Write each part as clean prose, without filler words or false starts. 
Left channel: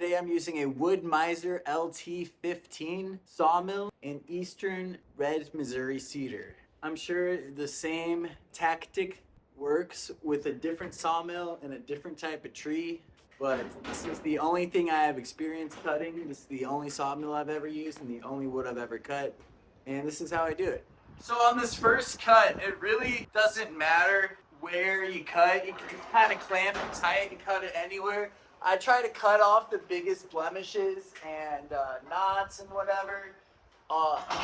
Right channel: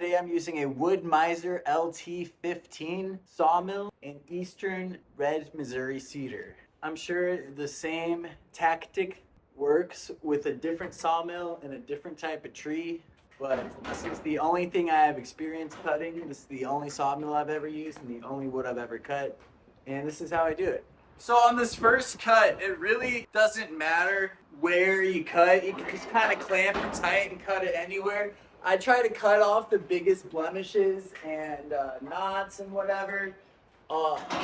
Today I'm using a Woodmizer LT15 sawmill in eastern red Missouri cedar. I'm sure the same tactic works with a different sawmill and a different type of tree, but this is the only thing I have experience cutting. This is the only sawmill I've ever used and the only wood I've ever cut, and this is how I do it. So on this first cut, it really doesn't matter where you cut. You can just kind of clamp it tight and cut it anywhere. I try to cut off the biggest blemishes and knots and whatever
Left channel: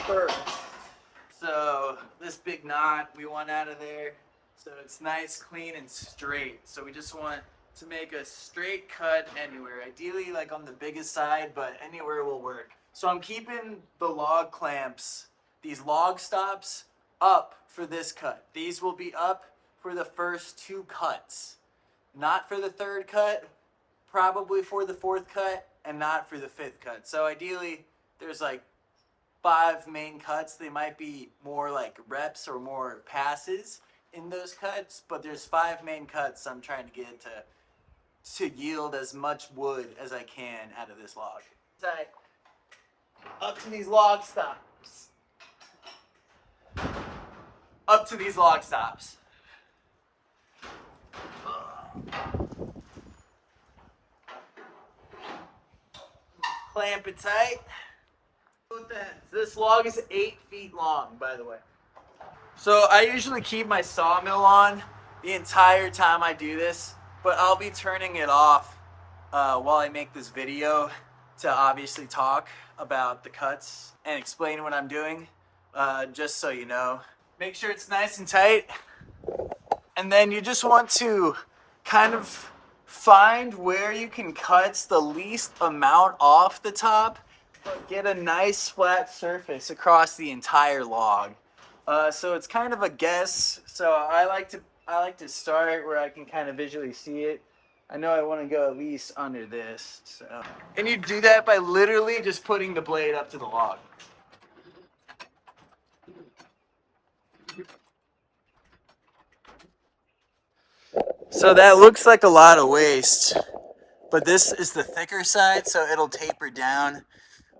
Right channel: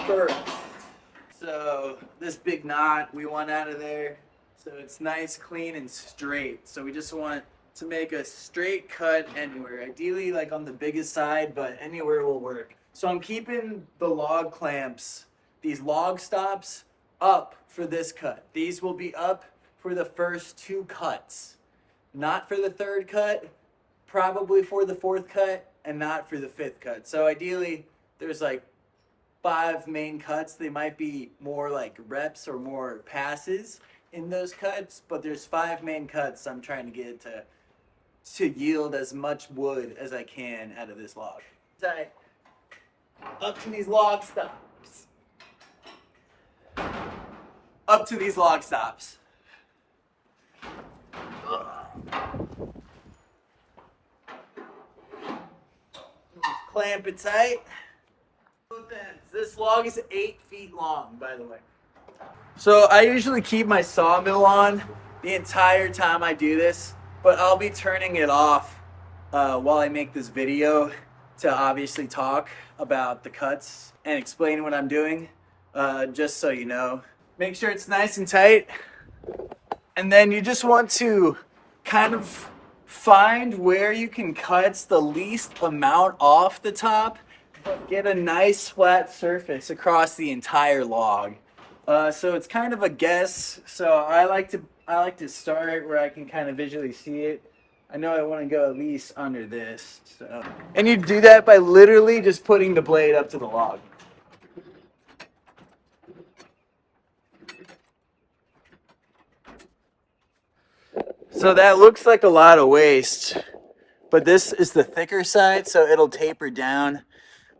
first. So this big knot we want out of there. So it's nice, clean, and straight. So we just want to make a straight cut anywhere. Ideally like on the biggest side, but anywhere will work. So I'm keeping the log clamps, these log stops, up for this cut. These will be up for the first two cuts. Not for the third cut, probably for the fourth cut, and not for the fifth cut. So ideally, there's like 5 main cuts. They might be more like reps or more passes in those cuts, but there's 5 main cuts I'm trying to get to yield as much wood as I can out of this log. Tight. Up to these log stops. Up to these log stops. Clamp it tight. This log is 8 feet long, by the way. So I usually keep my sawmill on the entire time I do this, but I'll be turning it off while I make this video to obviously talk about the cuts and explain what I'm doing, just so you know. Make sure it's nice and tight, and then you just want to kind of find where you can cut the least amount off the top, but get a nice flat surface across the entire log. So it's kind of a guess. So I like to start where I can kind of visually see it. I know I want to go at least under this. So, and you do that by literally just putting the blade up to the log. So that looks like a lot of waste, but this is the thicker side, so it'll taper down.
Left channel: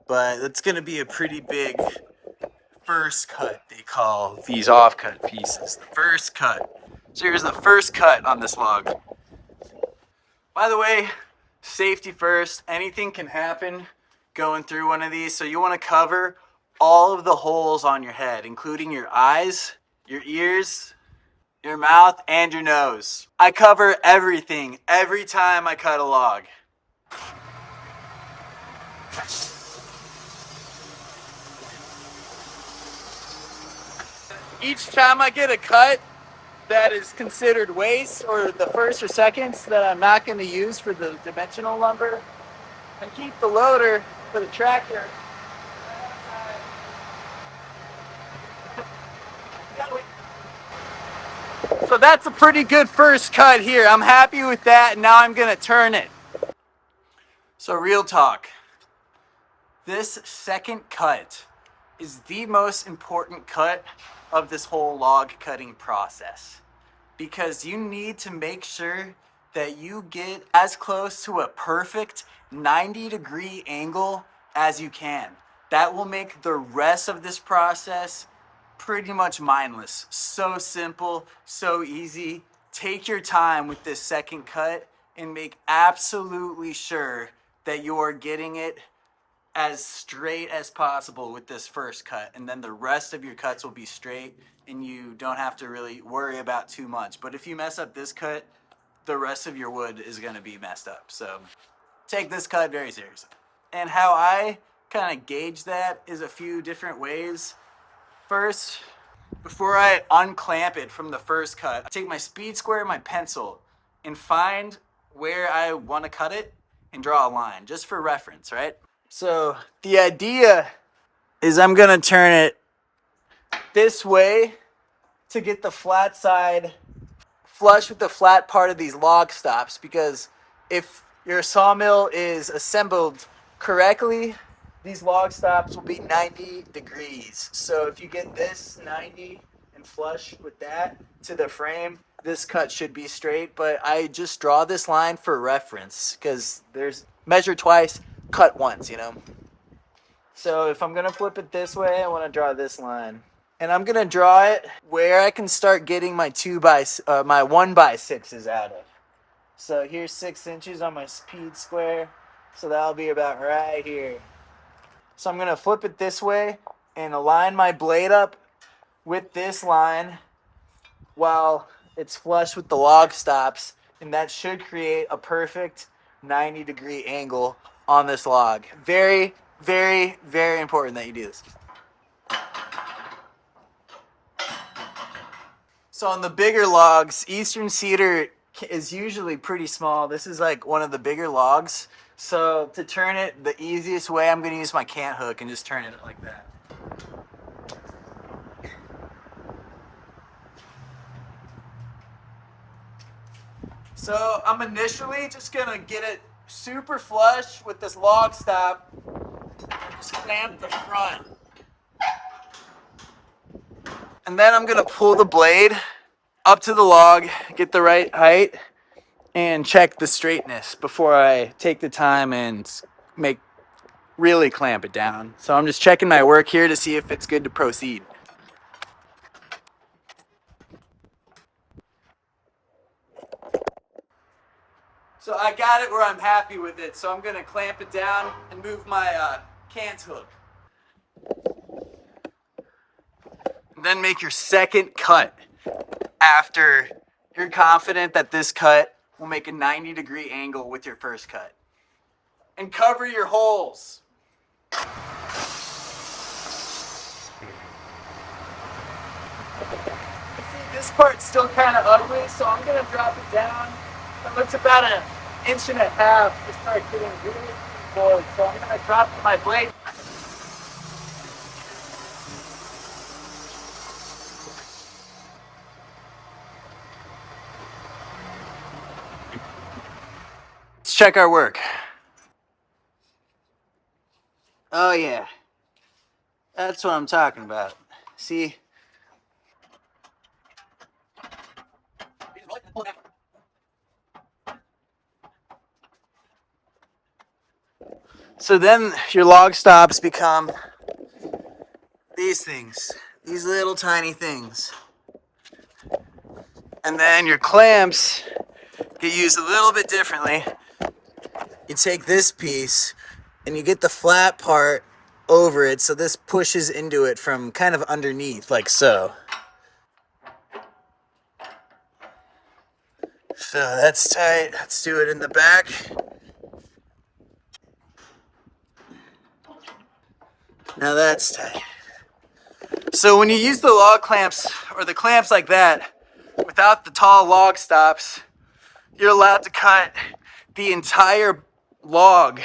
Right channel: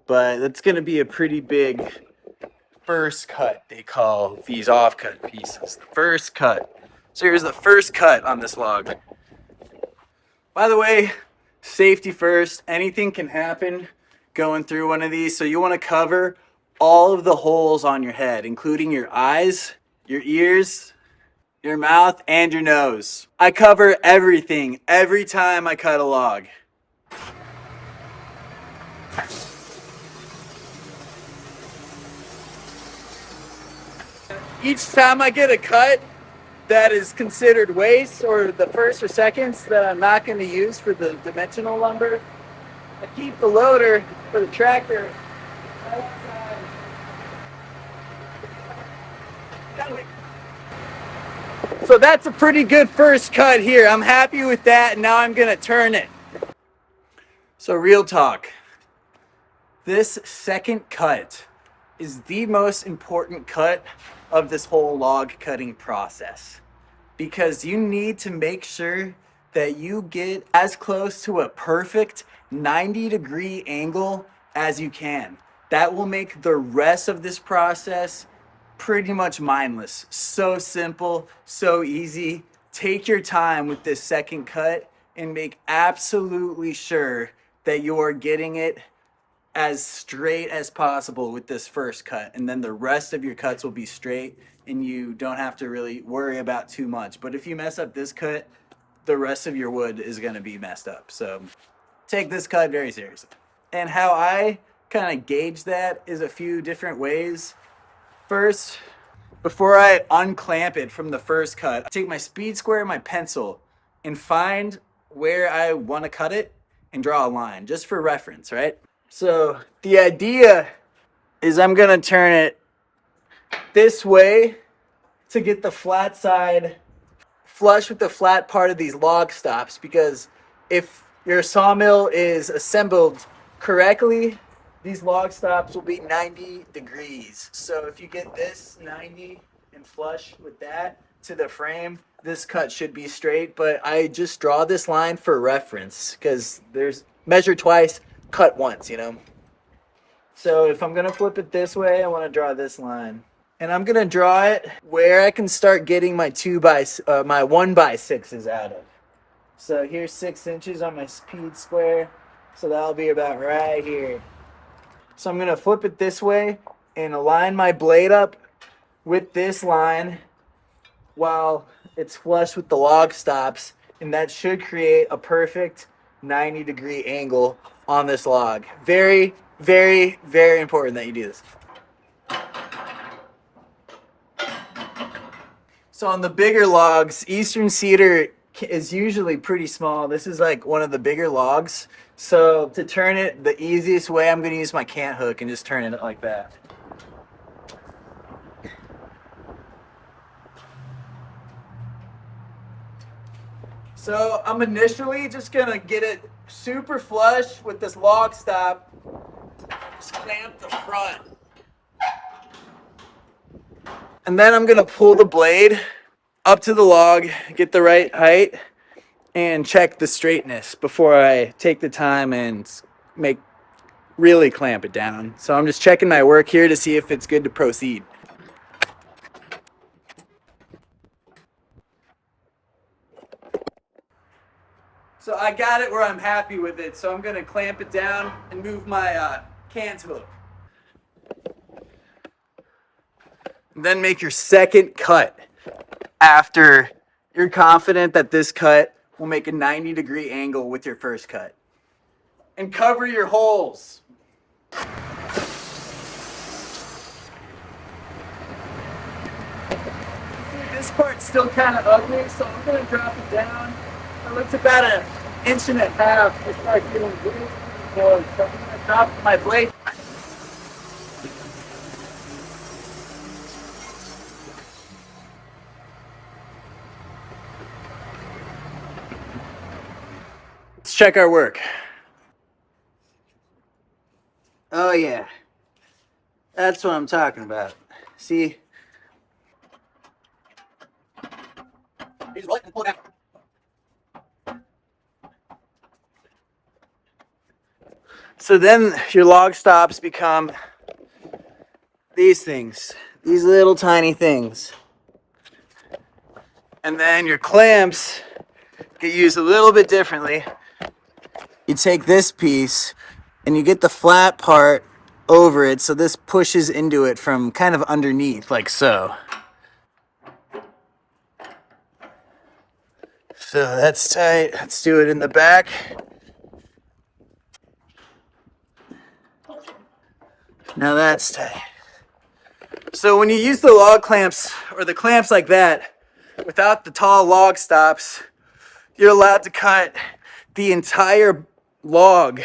But it's going to be a pretty big first cut. They call these offcut pieces the first cut. So here's the first cut on this log. By the way, safety first. Anything can happen going through one of these, so you want to cover all of the holes on your head, including your eyes, your ears, your mouth, and your nose. I cover everything every time I cut a log. Each time I get a cut that is considered waste, or the first or seconds that I'm not going to use for the dimensional lumber, I keep the loader for the tractor right outside. So that's a pretty good first cut here. I'm happy with that. Now I'm going to turn it. So real talk. This second cut is the most important cut of this whole log cutting process, because you need to make sure that you get as close to a perfect 90-degree angle as you can. That will make the rest of this process pretty much mindless. So simple, so easy. Take your time with this second cut and make absolutely sure that you're getting it as straight as possible with this first cut, and then the rest of your cuts will be straight and you don't have to really worry about too much. But if you mess up this cut, the rest of your wood is going to be messed up. So take this cut very seriously. And how I kind of gauge that is a few different ways. First, before I unclamp it from the first cut, I take my speed square and my pencil and find where I want to cut it and draw a line, just for reference, right? So the idea is I'm going to turn it this way to get the flat side flush with the flat part of these log stops, because if your sawmill is assembled correctly, these log stops will be 90 degrees. So if you get this 90 and flush with that to the frame, this cut should be straight. But I just draw this line for reference, because there's measure twice, cut once, you know? So if I'm gonna flip it this way, I wanna draw this line. And I'm gonna draw it where I can start getting my my 1x6s out of. So here's 6 inches on my speed square. So that'll be about right here. So I'm gonna flip it this way and align my blade up with this line while it's flush with the log stops. And that should create a perfect 90-degree angle on this log. Very, very, very important that you do this. So on the bigger logs, Eastern Cedar is usually pretty small. This is like one of the bigger logs. So to turn it the easiest way, I'm gonna use my cant hook and just turn it like that. So I'm initially just gonna get it super flush with this log stop. Just clamp the front. And then I'm gonna pull the blade up to the log, get the right height, and check the straightness before I take the time and really clamp it down. So I'm just checking my work here to see if it's good to proceed. So I got it where I'm happy with it. So I'm gonna clamp it down and move my cant hook. And then make your second cut after you're confident that this cut will make a 90-degree angle with your first cut. And cover your holes. This part's still kind of ugly, so I'm gonna drop it down. It looks about 1.5 inches to start getting really close. So I'm gonna drop my blade. Let's check our work. Oh yeah, that's what I'm talking about. See? So then your log stops become these things, these little tiny things. And then your clamps get used a little bit differently. You take this piece and you get the flat part over it, so this pushes into it from kind of underneath, like so. So that's tight. Let's do it in the back. Now that's tight. So when you use the log clamps or the clamps like that, without the tall log stops, you're allowed to cut the entire log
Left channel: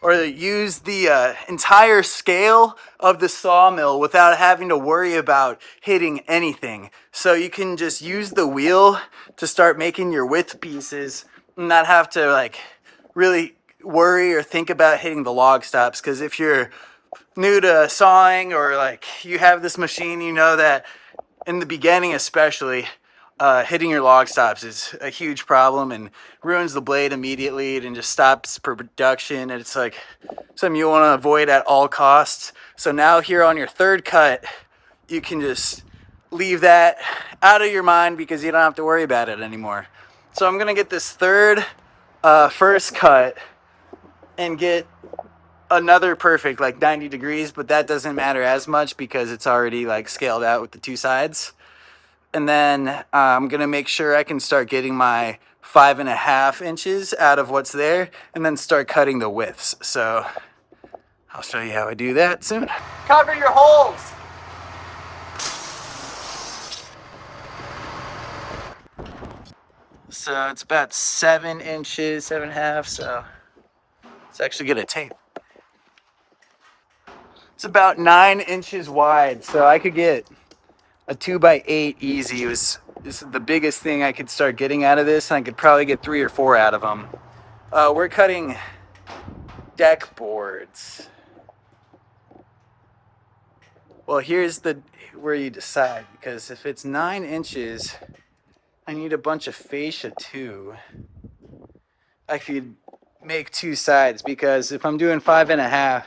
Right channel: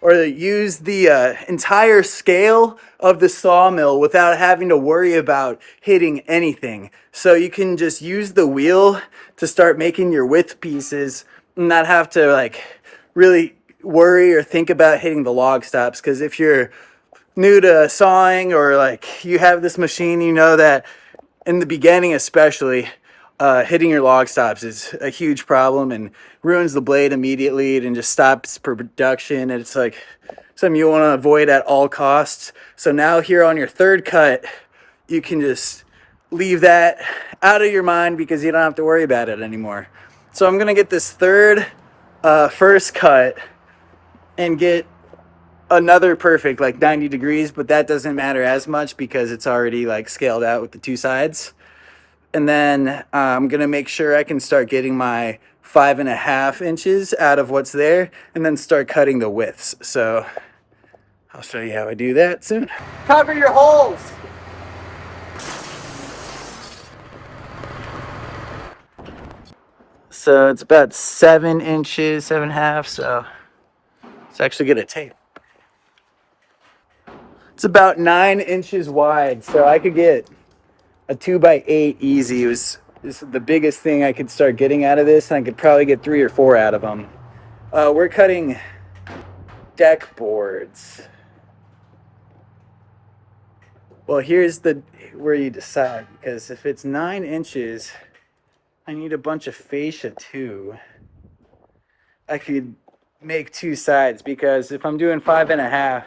or use the entire scale of the sawmill without having to worry about hitting anything. So you can just use the wheel to start making your width pieces and not have to like really worry or think about hitting the log stops. Because if you're new to sawing or like you have this machine, you know that in the beginning especially, hitting your log stops is a huge problem and ruins the blade immediately and just stops production. And it's like something you want to avoid at all costs. So now here on your third cut, you can just leave that out of your mind because you don't have to worry about it anymore. So I'm gonna get this first cut and get another perfect like 90 degrees, but that doesn't matter as much because it's already like scaled out with the two sides. And then I'm gonna make sure I can start getting my 5.5 inches out of what's there and then start cutting the widths. So I'll show you how I do that soon. Cover your holes. So it's about 7 inches, 7.5. So it's actually gonna take. It's about 9 inches wide. So I could get a 2x8 easy. This is the biggest thing I could start getting out of this. And I could probably get 3 or 4 out of them. We're cutting deck boards. Well, here's where you decide, because if it's 9 inches, I need a bunch of fascia too. I could make two sides, because if I'm doing 5.5,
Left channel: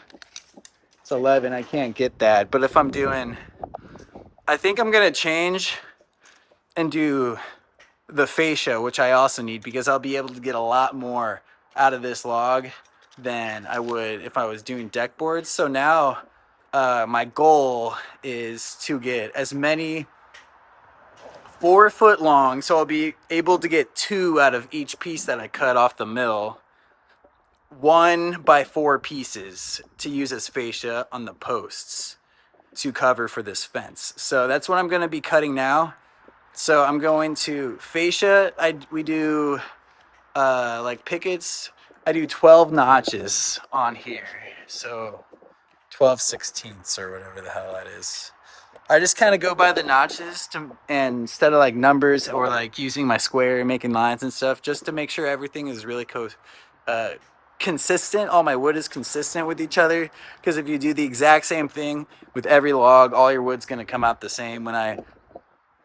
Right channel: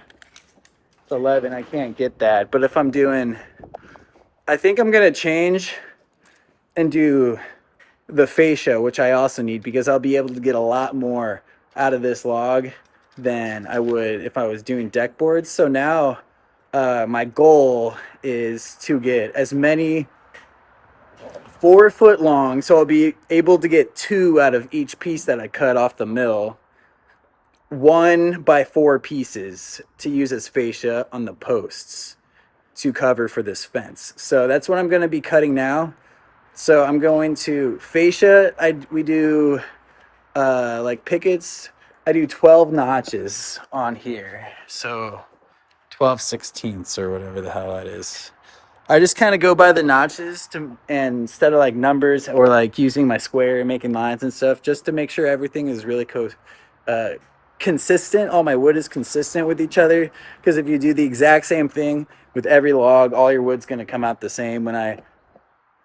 it's 11. I can't get that. But if I'm doing, I think I'm gonna change and do the fascia, which I also need, because I'll be able to get a lot more out of this log than I would if I was doing deck boards. So now my goal is to get as many 4-foot long, so I'll be able to get 2 out of each piece that I cut off the mill, 1x4 pieces to use as fascia on the posts to cover for this fence. So that's what I'm going to be cutting now. So I'm going to fascia. We do like pickets. I do 12 notches on here. So 12/16 or whatever the hell that is. I just kind of go by the notches and instead of like numbers or like using my square and making lines and stuff, just to make sure everything is really consistent. All my wood is consistent with each other. Because if you do the exact same thing with every log, all your wood's going to come out the same. When I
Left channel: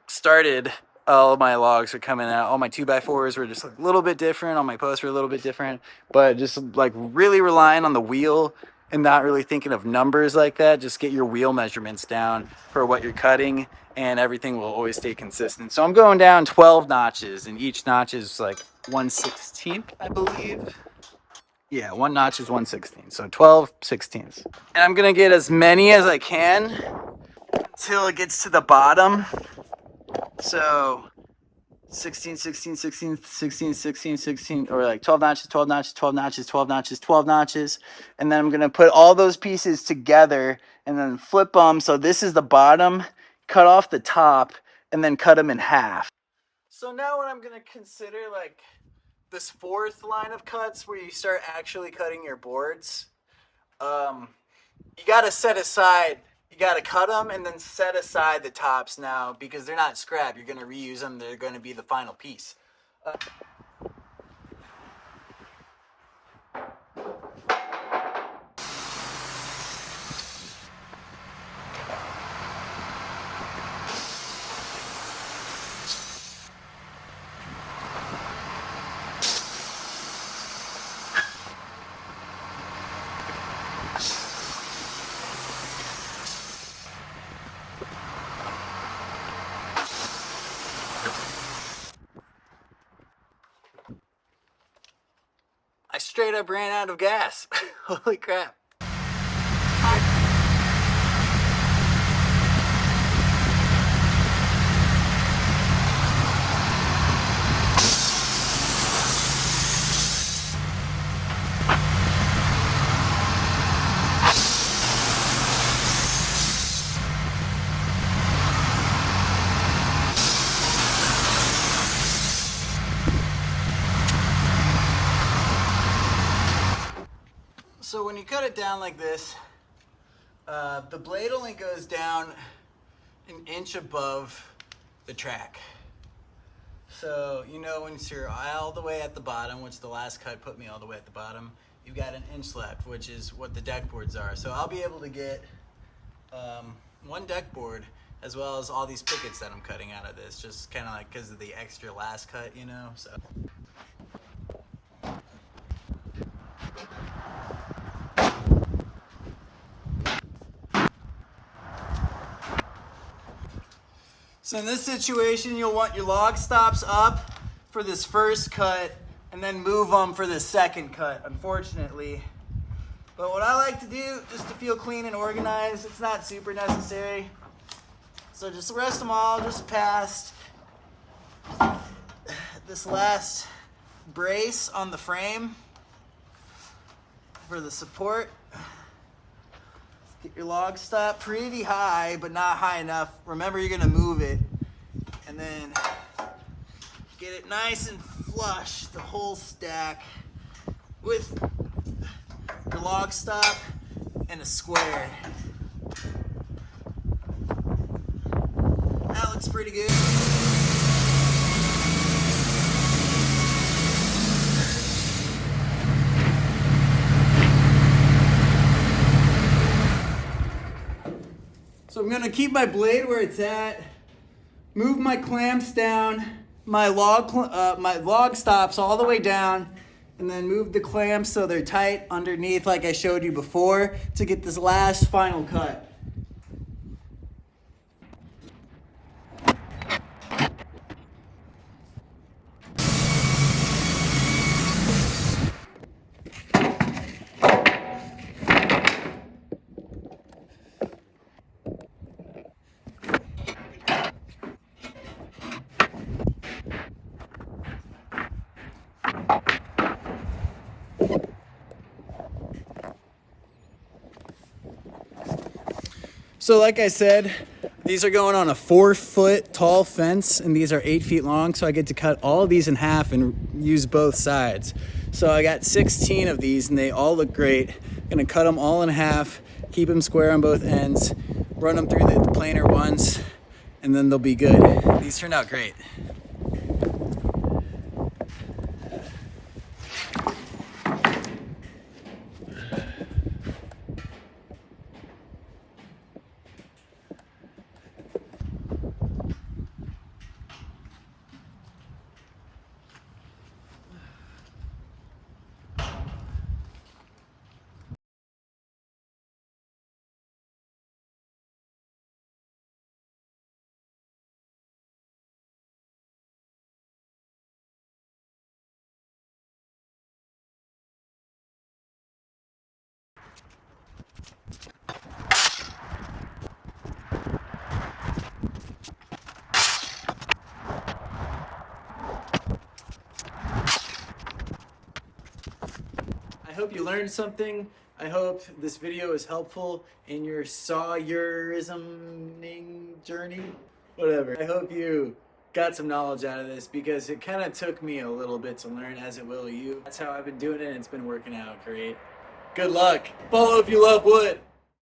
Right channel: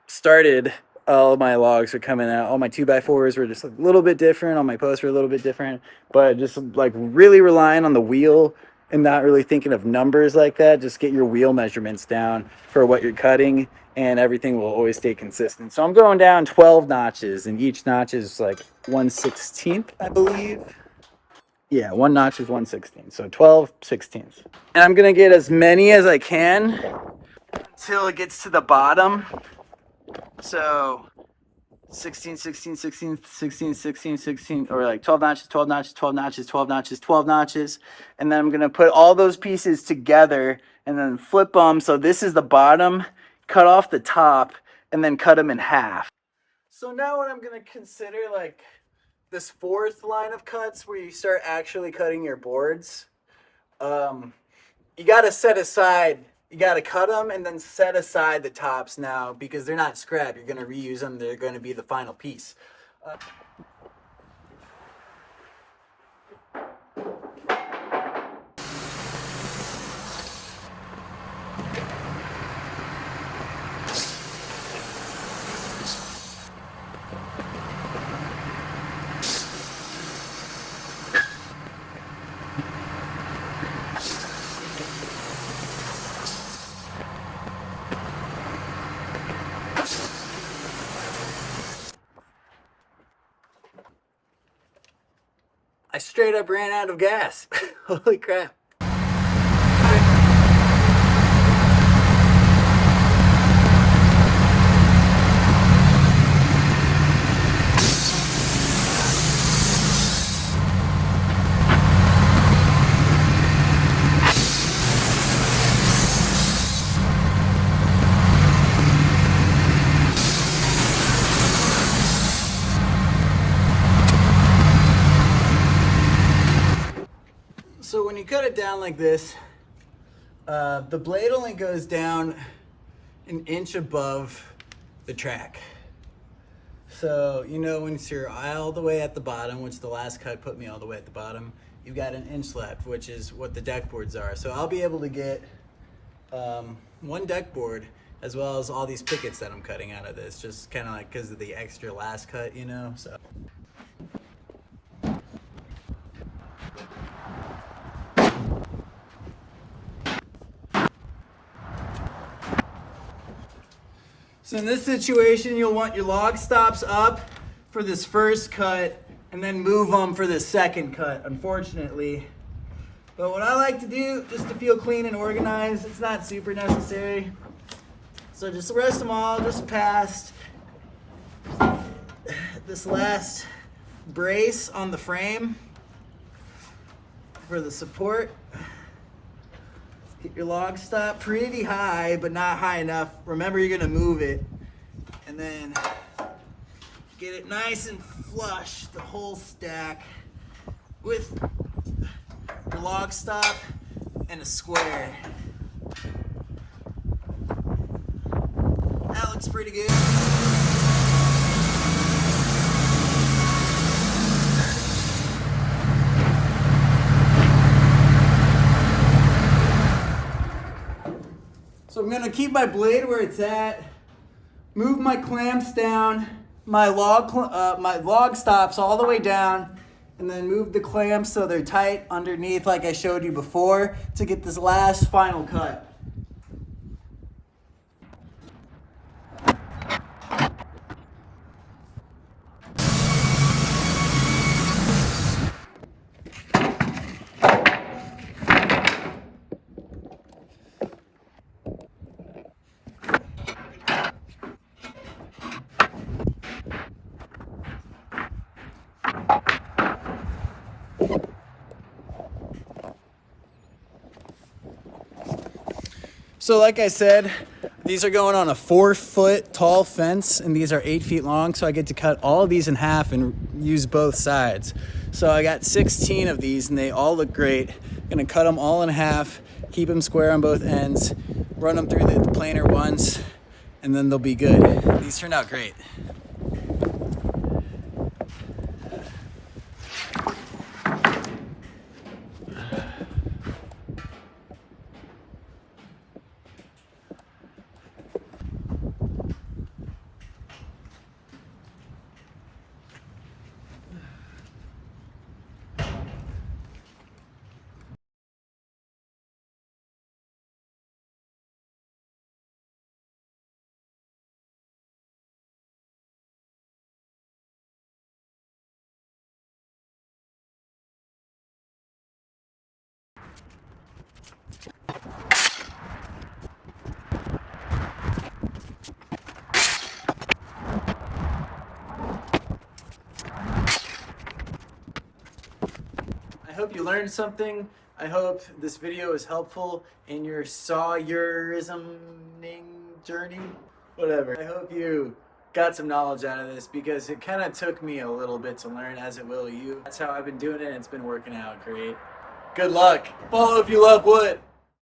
started, all my logs were coming out. All my 2x4s were just a little bit different. All my posts were a little bit different. But just like really relying on the wheel and not really thinking of numbers like that. Just get your wheel measurements down for what you're cutting, and everything will always stay consistent. So I'm going down 12 notches, and each notch is like 1/16, I believe. Yeah, one notch is 1/16, so 12/16. And I'm gonna get as many as I can until it gets to the bottom. So 16, 16, 16, 16, 16, 16, or like 12 notches, 12 notches, 12 notches, 12 notches, 12 notches. And then I'm going to put all those pieces together and then flip them. So this is the bottom, cut off the top, and then cut them in half. So now what I'm going to consider like this 4th line of cuts where you start actually cutting your boards. You got to set aside, you got to cut them and then set aside the tops now, because they're not scrap. You're going to reuse them. They're going to be the final piece. I straight up ran out of gas. Holy crap. So when you cut it down like this, the blade only goes down an inch above the track. So, you know, once you're all the way at the bottom, which the last cut put me all the way at the bottom, you've got an inch left, which is what the deck boards are. So I'll be able to get one deck board as well as all these pickets that I'm cutting out of this, just kind of like because of the extra last cut, you know, so. So in this situation, you'll want your log stops up for this first cut and then move them for this second cut, unfortunately. But what I like to do, just to feel clean and organized, it's not super necessary. So just rest them all just past this last brace on the frame for the support. Get your log stop pretty high, but not high enough. Remember, you're gonna move it. And then get it nice and flush, the whole stack, with your log stop and a square. That looks pretty good. So I'm gonna keep my blade where it's at, move my clamps down, my log stops all the way down, and then move the clamps so they're tight underneath like I showed you before to get this last final cut. So like I said, these are going on a 4-foot tall fence and these are 8 feet long. So I get to cut all of these in half and use both sides. So I got 16 of these and they all look great. I'm gonna cut them all in half, keep them square on both ends, run them through the planer ones, and then they'll be good. These turned out great. I hope you learned something. I hope this video is helpful in your sawyerrisming journey. Whatever. I hope you got some knowledge out of this because it kind of took me a little bit to learn, as it will you. That's how I've been doing it and it's been working out great. Good luck. Follow if you love wood.